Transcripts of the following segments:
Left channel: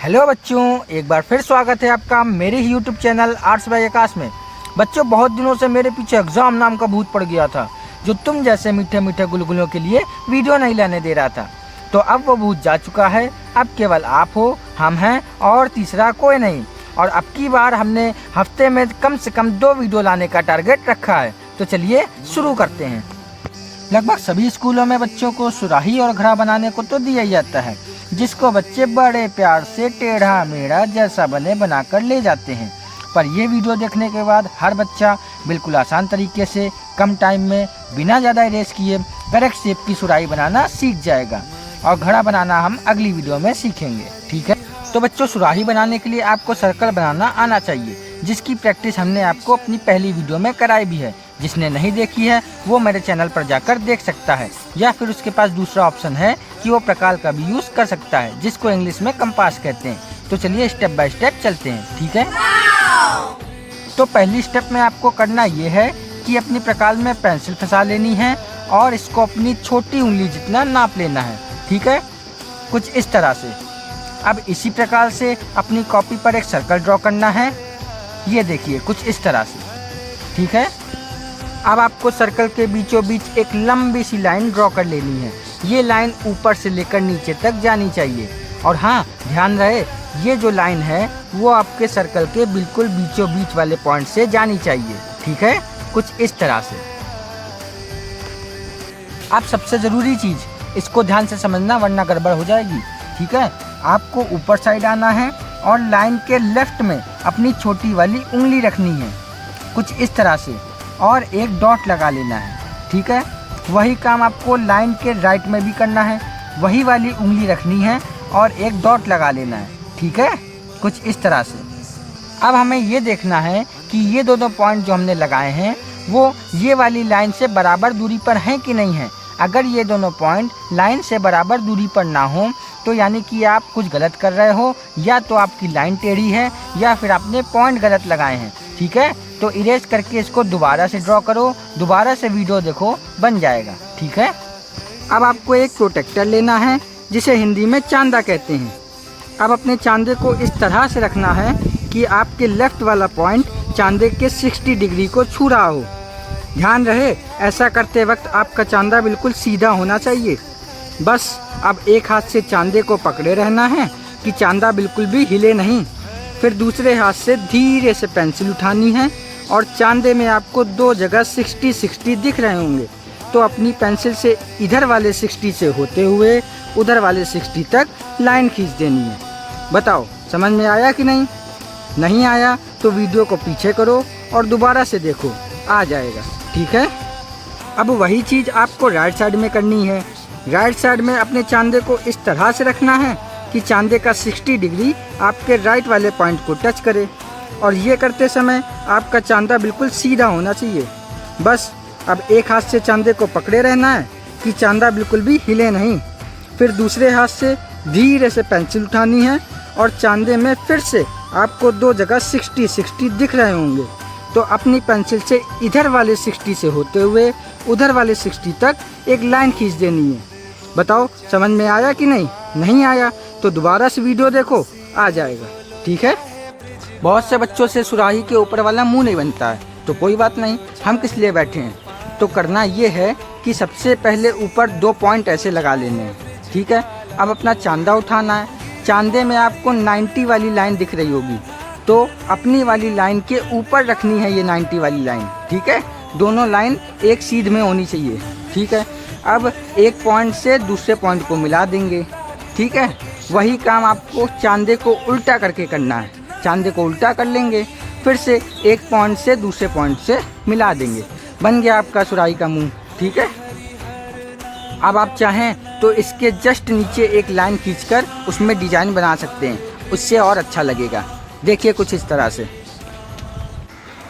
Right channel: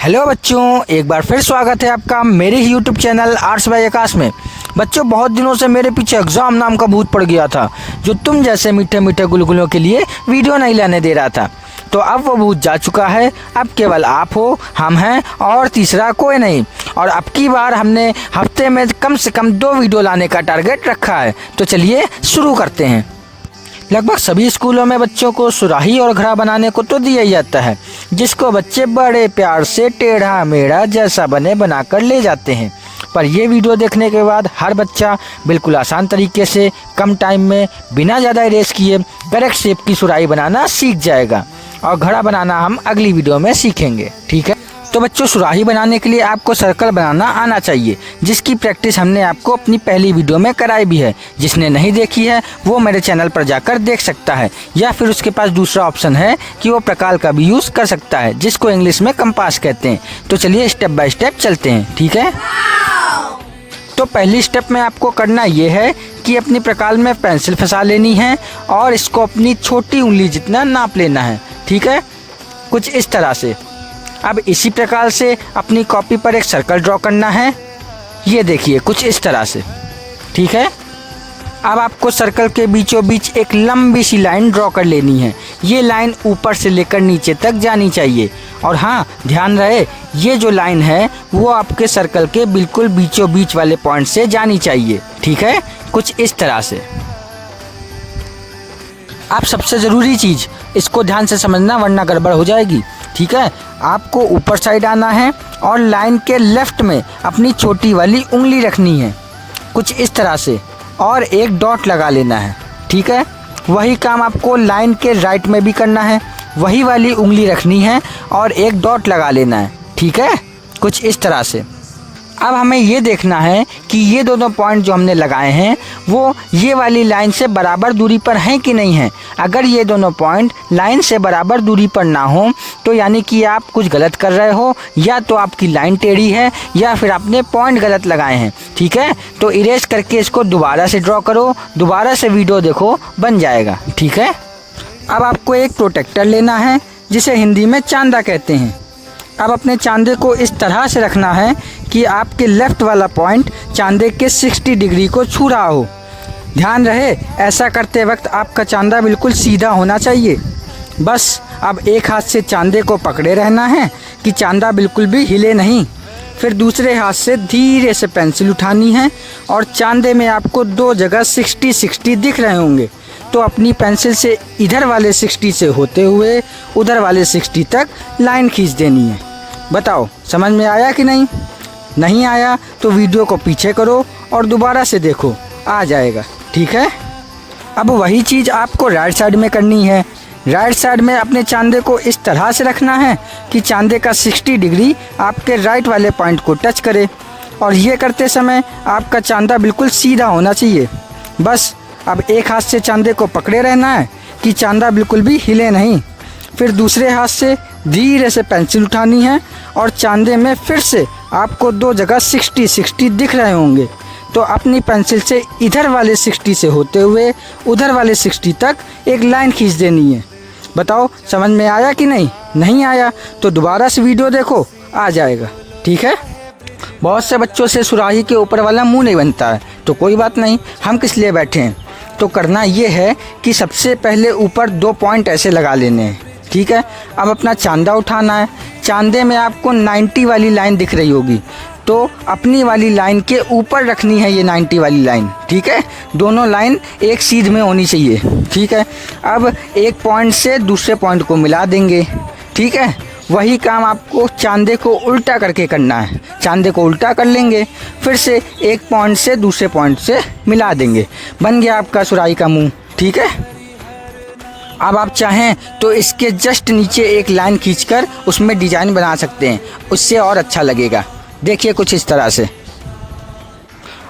Hello बच्चों, एक बार फिर स्वागत है आपका मेरे ही यूट्यूब चैनल आर्ट्स बाय आकाश में। बच्चों, बहुत दिनों से मेरे पीछे एग्ज़ाम नाम का भूत पड़ गया था, जो तुम जैसे मीठे मीठे गुलगुलों के लिए वीडियो नहीं लाने दे रहा था। तो अब वो भूत जा चुका है। अब केवल आप हो, हम हैं और तीसरा कोई नहीं। और अब की बार हमने हफ्ते में कम से कम 2 वीडियो लाने का टारगेट रखा है। तो चलिए शुरू करते हैं। लगभग सभी स्कूलों में बच्चों को सुराही और घड़ा बनाने को तो दिया ही जाता है, जिसको बच्चे बड़े प्यार से टेढ़ा मेढ़ा जैसा बने बनाकर ले जाते हैं। पर ये वीडियो देखने के बाद हर बच्चा बिल्कुल आसान तरीके से कम टाइम में बिना ज़्यादा इरेज किए करेक्ट शेप की सुराही बनाना सीख जाएगा। और घड़ा बनाना हम अगली वीडियो में सीखेंगे, ठीक है। तो बच्चों, सुराही बनाने के लिए आपको सर्कल बनाना आना चाहिए, जिसकी प्रैक्टिस हमने आपको अपनी पहली वीडियो में कराई भी है। जिसने नहीं देखी है वो मेरे चैनल पर जाकर देख सकता है, या फिर उसके पास दूसरा ऑप्शन है कि वो प्रकार का भी यूज़ कर सकता है, जिसको इंग्लिश में कंपास कहते हैं। तो चलिए स्टेप बाय स्टेप चलते हैं, ठीक है। तो पहली स्टेप में आपको करना ये है कि अपनी प्रकार में पेंसिल फंसा लेनी है और इसको अपनी छोटी उंगली जितना नाप लेना है, ठीक है, कुछ इस तरह से। अब इसी प्रकार से अपनी कॉपी पर एक सर्कल ड्रॉ करना है, ये देखिए कुछ इस तरह से, ठीक है। अब आपको सर्कल के बीचों बीच एक लंबी सी लाइन ड्रॉ कर लेनी है। ये लाइन ऊपर से लेकर नीचे तक जानी चाहिए। और हाँ, ध्यान रहे, ये जो लाइन है वो आपके सर्कल के बिल्कुल बीचों बीच वाले पॉइंट से जानी चाहिए, ठीक है, कुछ इस तरह से। आप सबसे ज़रूरी चीज़ इसको ध्यान से समझना, वरना गड़बड़ हो जाएगी, ठीक है। आपको ऊपर साइड आना है और लाइन के लेफ्ट में अपनी छोटी वाली उंगली रखनी है, कुछ इस तरह से, और एक डॉट लगा लेना है, ठीक है। वही काम आपको लाइन के राइट में भी करना है, वही वाली उंगली रखनी है और एक डॉट लगा लेना है, ठीक है, कुछ इस तरह से। अब हमें ये देखना है कि ये दोनों पॉइंट जो हमने लगाए हैं वो ये वाली लाइन से बराबर दूरी पर हैं कि नहीं हैं। अगर ये दोनों पॉइंट लाइन से बराबर दूरी पर ना हो तो यानी कि आप कुछ गलत कर रहे हो, या तो आपकी लाइन टेढ़ी है या फिर आपने पॉइंट गलत लगाए हैं, ठीक है। तो इरेज करके इसको दोबारा से ड्रॉ करो, दोबारा से वीडियो देखो, बन जाएगा, ठीक है। अब आपको एक प्रोटेक्टर लेना है, जिसे हिंदी में चांदा कहते हैं। अब अपने चांदे को इस तरह से रखना है कि आपके लेफ़्ट वाला पॉइंट चांदे के 60 डिग्री को छू रहा हो। ध्यान रहे, ऐसा करते वक्त आपका चांदा बिल्कुल सीधा होना चाहिए। बस अब एक हाथ से चांदे को पकड़े रहना है कि चांदा बिल्कुल भी हिले नहीं। फिर दूसरे हाथ से धीरे से पेंसिल उठानी है और चांदे में आपको 2 जगह 60-60 दिख रहे होंगे। तो अपनी पेंसिल से इधर वाले 60 से होते हुए उधर वाले 60 तक लाइन खींच देनी है। बताओ, समझ में आया कि नहीं? नहीं आया तो वीडियो को पीछे करो और दोबारा से देखो, आ जाएगा, ठीक है। अब वही चीज़ आपको राइट साइड में करनी है। राइट साइड में अपने चांदे को इस तरह से रखना है कि चांदे का 60 डिग्री आपके राइट वाले पॉइंट को टच करे। और ये करते समय आपका चांदा बिल्कुल सीधा होना चाहिए। बस अब एक हाथ से चांदे को पकड़े रहना है कि चांदा बिल्कुल भी हिले नहीं। फिर दूसरे हाथ से धीरे से पेंसिल उठानी है और चांदे में फिर से आपको 2 जगह 60-60 दिख रहे होंगे। तो अपनी पेंसिल से इधर वाले 60 से होते हुए उधर वाले 60 तक एक लाइन खींच देनी है। बताओ, समझ में आया कि नहीं? नहीं आया तो दोबारा से वीडियो देखो, आ जाएगा, ठीक है। बहुत से बच्चों से सुराही के ऊपर वाला मुंह नहीं बनता है, तो कोई बात नहीं, हम किस लिए बैठे हैं। तो करना ये है कि सबसे पहले ऊपर 2 पॉइंट ऐसे लगा लेने हैं, ठीक है। अब अपना चांदा उठाना है। चांदे में आपको 90 वाली लाइन दिख रही होगी, तो अपनी वाली लाइन के ऊपर रखनी है ये 90 वाली लाइन, ठीक है। दोनों लाइन एक सीध में होनी चाहिए, ठीक है। अब एक पॉइंट से दूसरे पॉइंट को मिला देंगे, ठीक है। वही काम आपको चांदे को उल्टा करके करना है। चांदे को उल्टा कर लेंगे, फिर से एक पॉइंट से दूसरे पॉइंट से मिला देंगे, बन गया आपका सुराही का मुंह, ठीक है। अब आप चाहें तो इसके जस्ट नीचे एक लाइन खींचकर उसमें डिजाइन बना सकते हैं, उससे और अच्छा लगेगा। देखिए कुछ इस तरह से।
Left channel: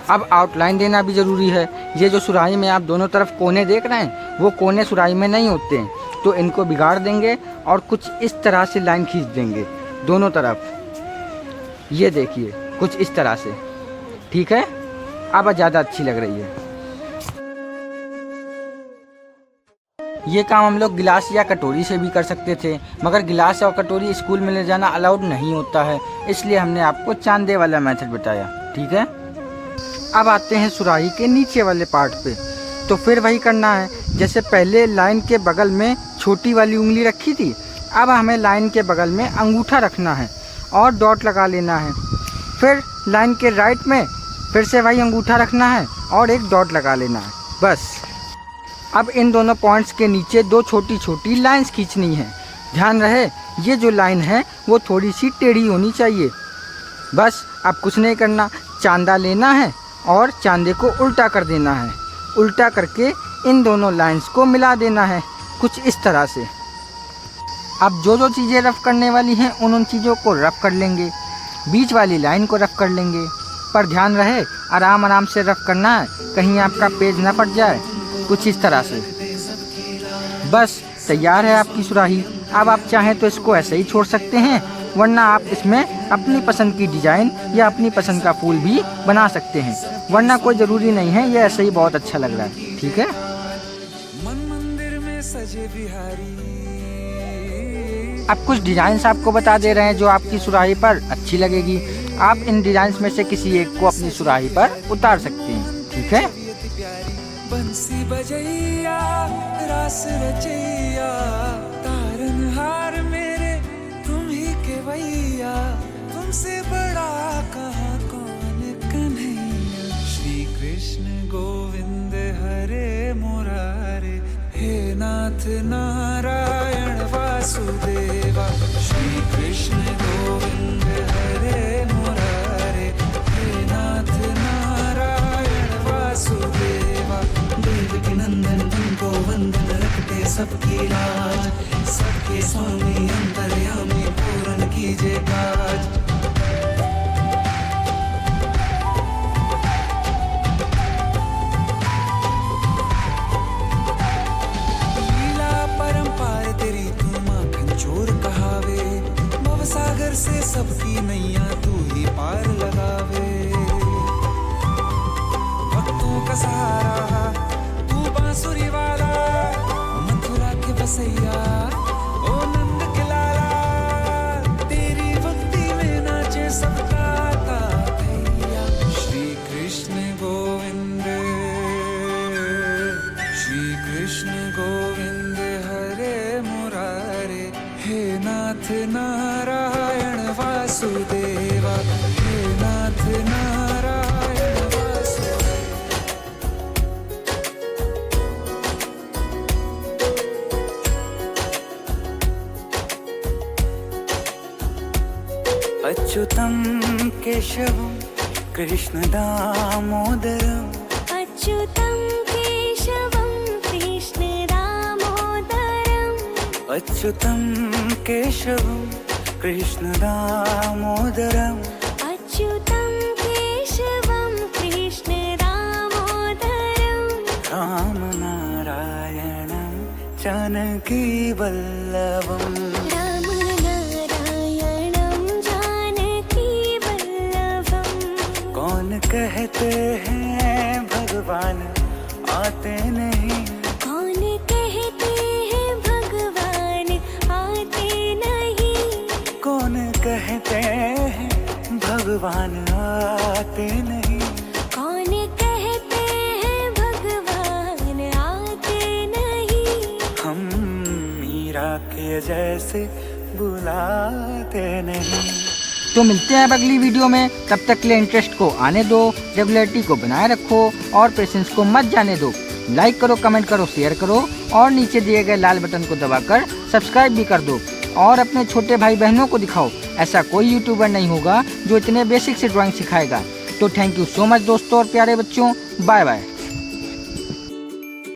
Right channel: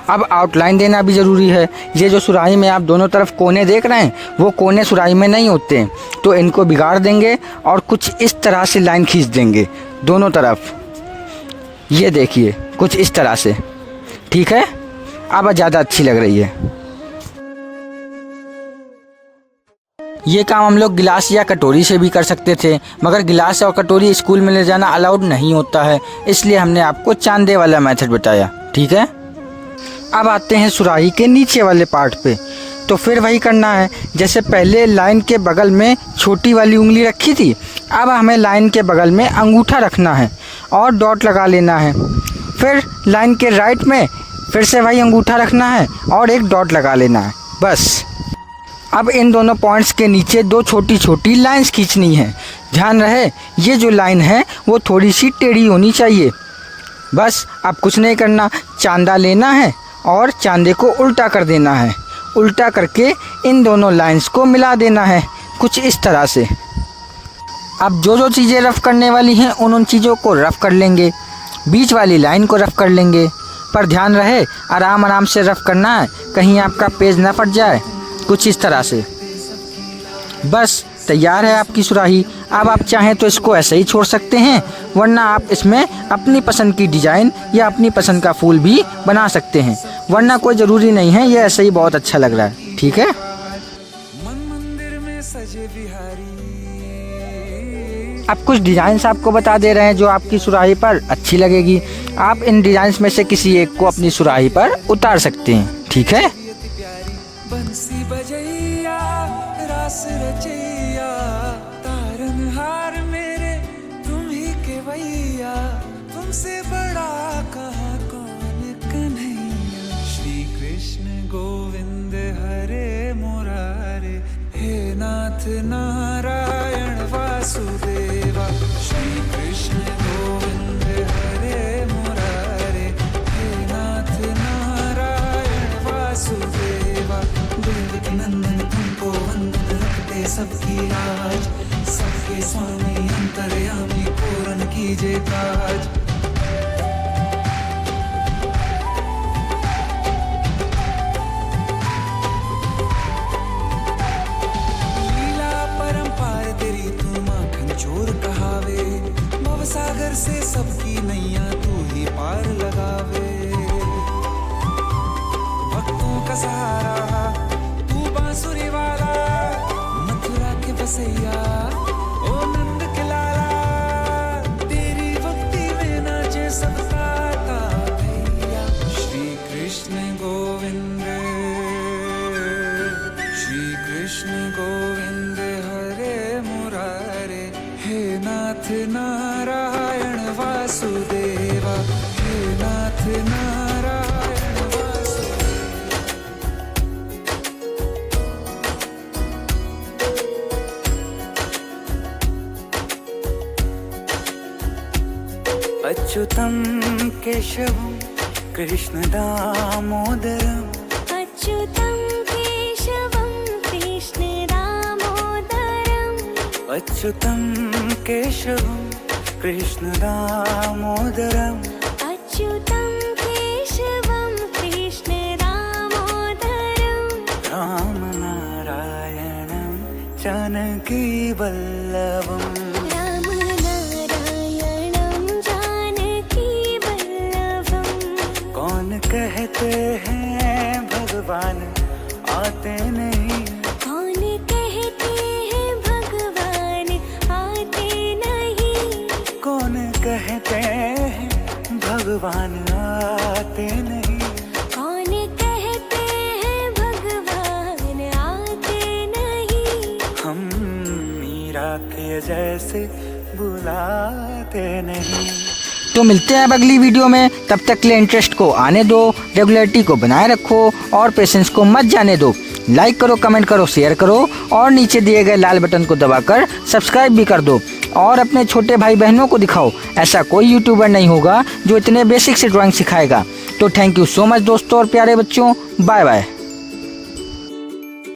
अब आउटलाइन देना भी ज़रूरी है। ये जो सुराही में आप दोनों तरफ कोने देख रहे हैं, वो कोने सुराही में नहीं होते हैं, तो इनको बिगाड़ देंगे और कुछ इस तरह से लाइन खींच देंगे दोनों तरफ। ये देखिए कुछ इस तरह से, ठीक है। अब ज़्यादा अच्छी लग रही है। ये काम हम लोग गिलास या कटोरी से भी कर सकते थे, मगर गिलास और कटोरी स्कूल में ले जाना अलाउड नहीं होता है, इसलिए हमने आपको चांदे वाला मेथड बताया। ठीक है, अब आते हैं सुराही के नीचे वाले पार्ट पे। तो फिर वही करना है, जैसे पहले लाइन के बगल में छोटी वाली उंगली रखी थी, अब हमें लाइन के बगल में अंगूठा रखना है और डॉट लगा लेना है। फिर लाइन के राइट में फिर से वही अंगूठा रखना है और एक डॉट लगा लेना है, बस। अब इन दोनों पॉइंट्स के नीचे दो छोटी छोटी लाइंस खींचनी है। ध्यान रहे ये जो लाइन है वो थोड़ी सी टेढ़ी होनी चाहिए। बस अब कुछ नहीं करना, चांदा लेना है और चांदे को उल्टा कर देना है। उल्टा करके इन दोनों लाइंस को मिला देना है, कुछ इस तरह से। अब जो जो चीज़ें रफ़ करने वाली हैं उन चीज़ों को रफ़ कर लेंगे, बीच वाली लाइन को रफ़ कर लेंगे, पर ध्यान रहे आराम आराम से रफ़ करना है, कहीं आपका पेज ना फट जाए, कुछ इस तरह से। बस तैयार है आपकी सुराही। अब आप चाहें तो इसको ऐसे ही छोड़ सकते हैं, वरना आप इसमें अपनी पसंद की डिज़ाइन या अपनी पसंद का फूल भी बना सकते हैं, वरना कोई ज़रूरी नहीं है, ये ऐसे ही बहुत अच्छा लग रहा है। ठीक है, मन मंदिर में सजे बिहारी। अब कुछ डिज़ाइंस आपको बता दे रहे हैं जो आपकी सुराही पर अच्छी लगेगी। आप इन डिज़ाइंस में से किसी एक को अपनी सुराही पर उतार सकते हैं। ठीक है, बंसी बजैया रास रचैया, तारनहार मेरे तुम ही के भैया, तुमसे बड़ा कहाँ कौन कन्हैया। श्री कृष्ण गोविंद हरे मुरारे, हे नाथ नारायण वासुदेवा। श्री कृष्ण गोविंद हरे मुरारे, हे नाथ नारायण वासुदेवा। देवकी नंदन तुमको वंदन, रखते सबकी लाज, सबके स्वामी अंतर्यामी पूर्ण कीजिए काज। लीला परंपार तेरी तू माखन चोर कहावे, भवसागर से सबकी नैया तू ही पार लगावे। भक्तों का सहारा तू बांसुरी वाला, मथुरा के बसैया ओ नंद के लाला। तेरी भक्ति में नाचे सब ताता भैया। श्री कृष्ण गोविंद, श्री कृष्ण गोविंद हरे मुरारे, हे नाथ नारायण वासुदेवा, हे नाथ नारायण वासुदेवा। अच्युतं केशवं कृष्ण दामोदरम्, अच्युतं केशवं कृष्ण दामोदरम्, अच्युतं केशवं कृष्ण दामोदरम्, अच्युतं केशवं कृष्ण दामोदरम्। रामनारायणं जानकी वल्लभम्, कौन कहते हैं भगवान आते नहीं, कौन कहते हैं भगवान आते नहीं, कौन कहते हैं भगवान आते नहीं, कौन कहते हैं भगवान आते नहीं। हम मीरा के जैसे बुलाते नहीं। तो मिलते हैं अब अगली वीडियो में, तब तक के लिए इंटरेस्ट को आने दो, रेगुलरिटी को बनाए रखो और पेशेंस को मत जाने दो। लाइक करो, कमेंट करो, शेयर करो और नीचे दिए गए लाल बटन को दबाकर सब्सक्राइब भी कर दो और अपने छोटे भाई बहनों को दिखाओ। ऐसा कोई यूट्यूबर नहीं होगा जो इतने बेसिक से ड्राइंग सिखाएगा। तो थैंक यू सो मच दोस्तों और प्यारे बच्चों, बाय बाय।